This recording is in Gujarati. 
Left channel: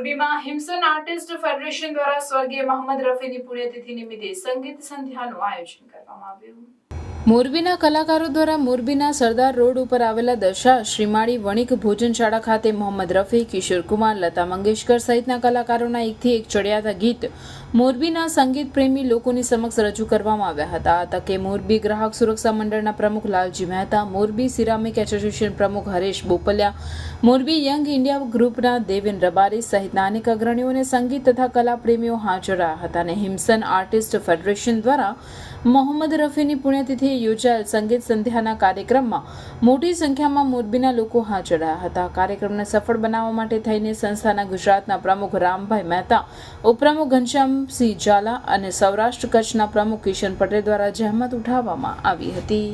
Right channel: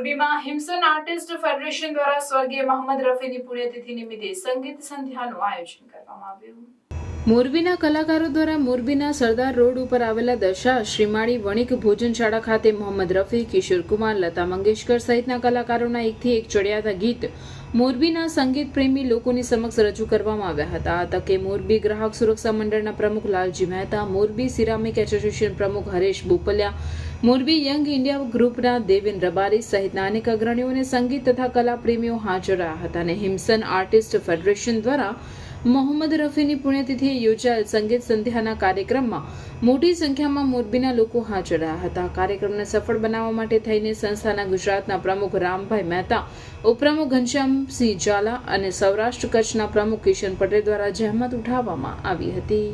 મોરબીમાં હિમસન આર્ટિસ્ટ ફેડરેશન દ્વારા સ્વર્ગીય મોહમ્મદ રફીની પુણ્યતિથિ નિમિત્તે સંગીત સંધ્યાનું આયોજન કરવામાં આવ્યું. મોરબીના કલાકારો દ્વારા મોરબીના સરદાર રોડ ઉપર આવેલા દશા શ્રીમાળી વણિક ભોજનશાળા ખાતે મોહમ્મદ રફી, કિશોર કુમાર, લતા મંગેશકર સહિતના કલાકારોના એકથી એક ચડિયાતા ગીત મોરબીના સંગીત પ્રેમી લોકોની સમક્ષ રજૂ કરવામાં આવ્યા હતા. આ તકે મોરબી ગ્રાહક સુરક્ષા મંડળના પ્રમુખ લાલજી મહેતા, મોરબી સિરામિક એસોસિએશન પ્રમુખ હરેશ બોપલિયા, મોરબી યંગ ઇન્ડિયા ગ્રુપના દેવેન રબારી સહિતના અનેક અગ્રણીઓ અને સંગીત તથા કલા પ્રેમીઓ હાજર રહ્યા હતા અને હિમસન આર્ટિસ્ટ ફેડરેશન દ્વારા મોહમ્મદ રફીની પુણ્યતિથિએ યોજાયેલ સંગીત સંધ્યાના કાર્યક્રમમાં મોટી સંખ્યામાં મોરબીના લોકો હાજર રહ્યા હતા. કાર્યક્રમને સફળ બનાવવા માટે થઈને સંસ્થાના ગુજરાતના પ્રમુખ રામભાઈ મહેતા, ઉપપ્રમુખ ઘનશ્યામસિંહ ઝાલા અને સૌરાષ્ટ્ર કચ્છના પ્રમુખ કિશન પટેલ દ્વારા જહેમત ઉઠાવવામાં આવી હતી.